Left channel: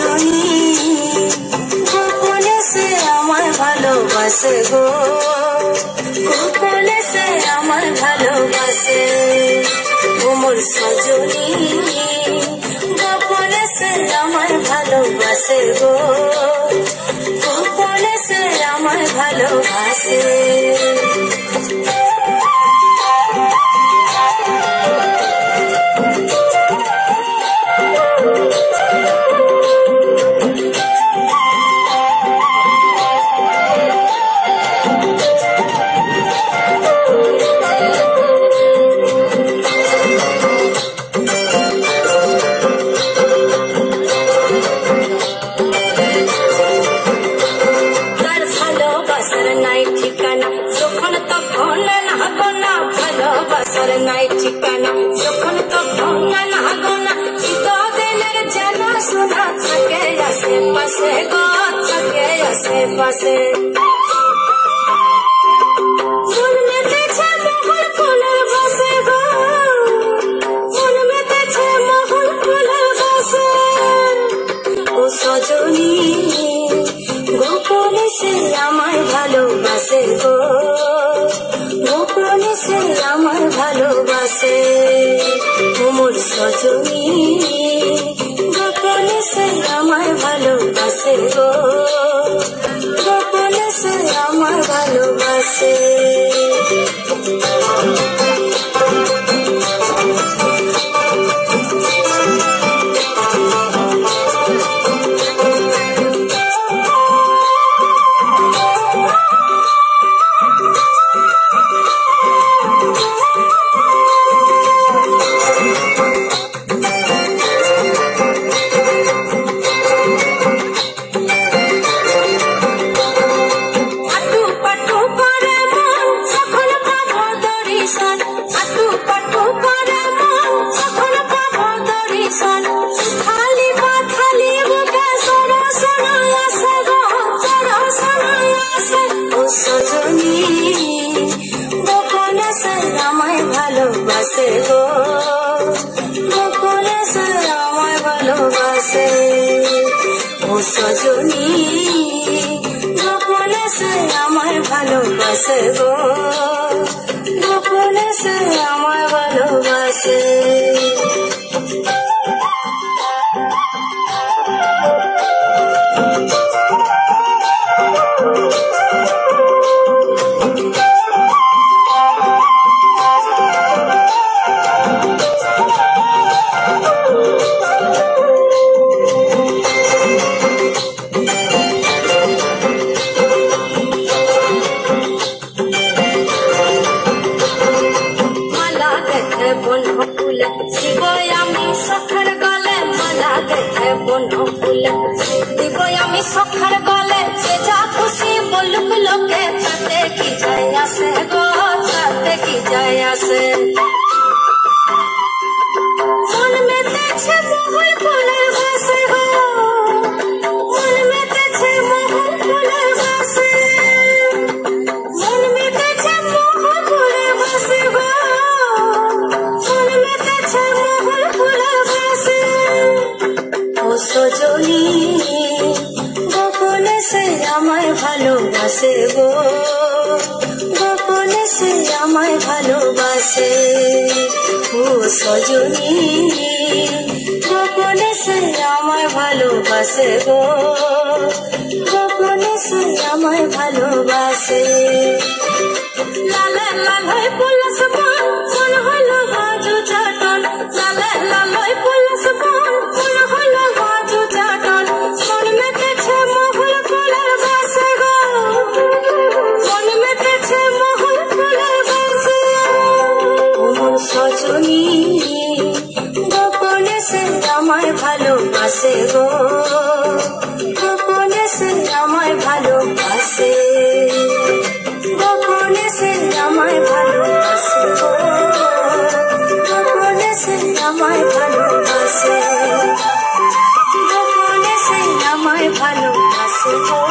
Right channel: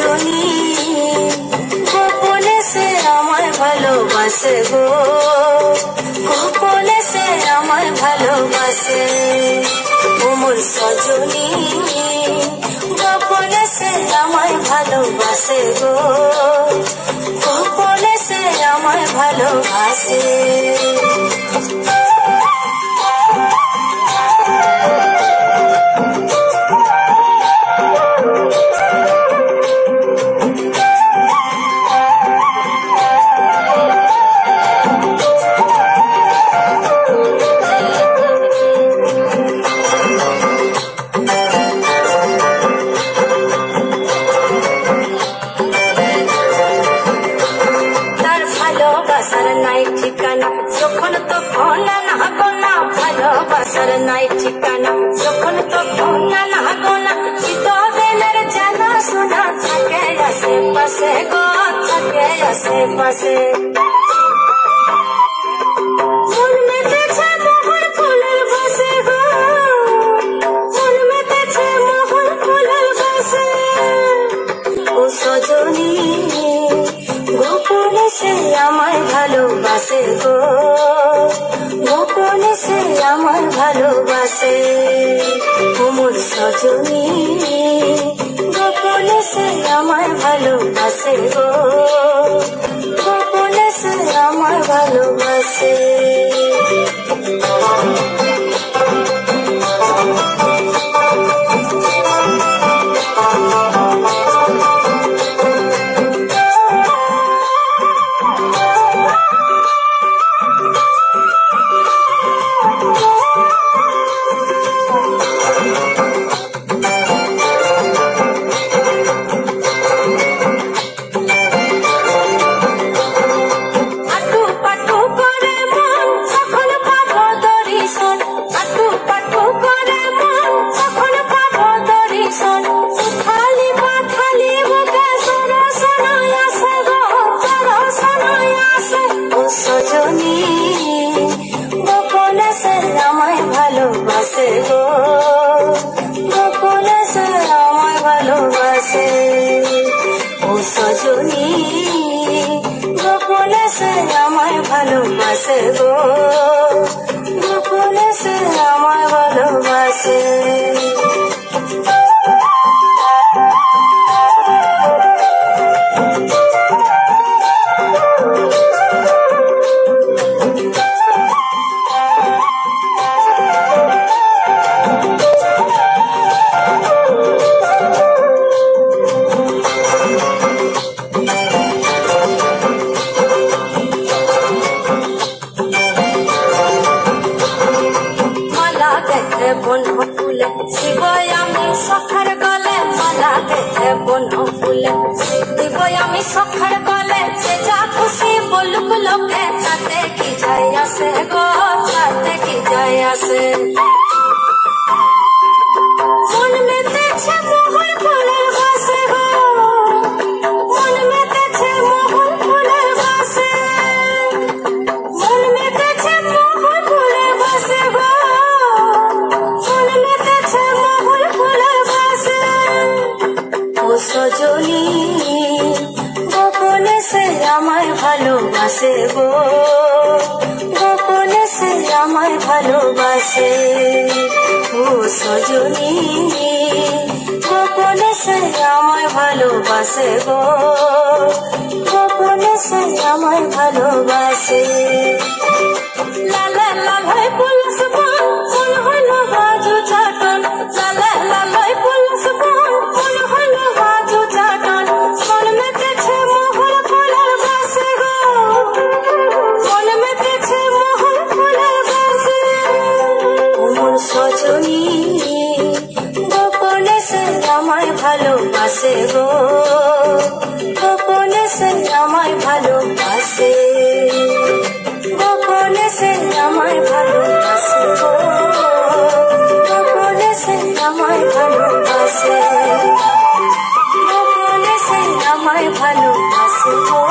সজনী গোপনে সে আমায় ভালোবাসে গো, গোপনে সে আমায় ভালোবাসে। ও মোর সজনী গোপনে সে আমায় ভালোবাসে গো, গোপনে সে আমায় ভালোবাসে। নাই ঠিকানা যখন তখন না গোনা, ভালোবাসার নাই ঠিকানা যখন তখন না গোনা। দিনের জানা শোনা থাকে আশেপাশে গো, থাকে আশেপাশে। মন মেতেছে মোহন ফুলের বসে গো, মন মেতেছে মোহন ফুলের বসে। ও সজনী গোপনে সে আমায় ভালোবাসে গো, গোপনে সে আমায় ভালোবাসে। ও মোর সজনী গোপনে সে আমায় ভালোবাসে গো, গোপনে সে আমায় ভালোবাসে। সজনী গোপনে সে আমায় ভালোবাসে গো, গোপনে সে আমায় ভালোবাসে। ও সজনী গোপনে সে আমায় ভালোবাসে গো, গোপনে সে আমায় ভালোবাসে। বন্ধু ফুলে শিবই আমি সখার গলে, মালা দেখে বন্ধু ফুলে দিবই আমি সখার গলে। যে যা খুশি বলুক লোকে তাতে কি যায় আসে গো, তাতে কি যায় আসে। মন মেতেছে মোহন ফুলের বসে গো, মন মেতেছে মোহন ফুলের বসে, মন মেতেছে মোহন ফুলের বসে গো, সজনী গোপনে সে আমায় ভালোবাসে গো, গোপনে সে আমায় ভালোবাসে। ও সজনী গোপনে সে আমায় ভালোবাসে গো, গোপনে সে আমায় ভালোবাসে। লালে লালে পুলিশ মন মন হইল বাজু চাটন, লালে লালে পুলিশ মন মন হইল বাজু চাটন। মন মেতেছে মোহন ফুলের বসে গো, মন মেতেছে মোহন ফুলের বসে। ও মোর সজনী গোপনে সে আমায় ভালোবাসে গো, গোপনে সে আমায় ভালোবাসে, গোপনে সে আমায় ভালোবাসে গো, গোপনে সে আমায় ভালোবাসে, গোপনে সে আমায় ভালোবাসে গো।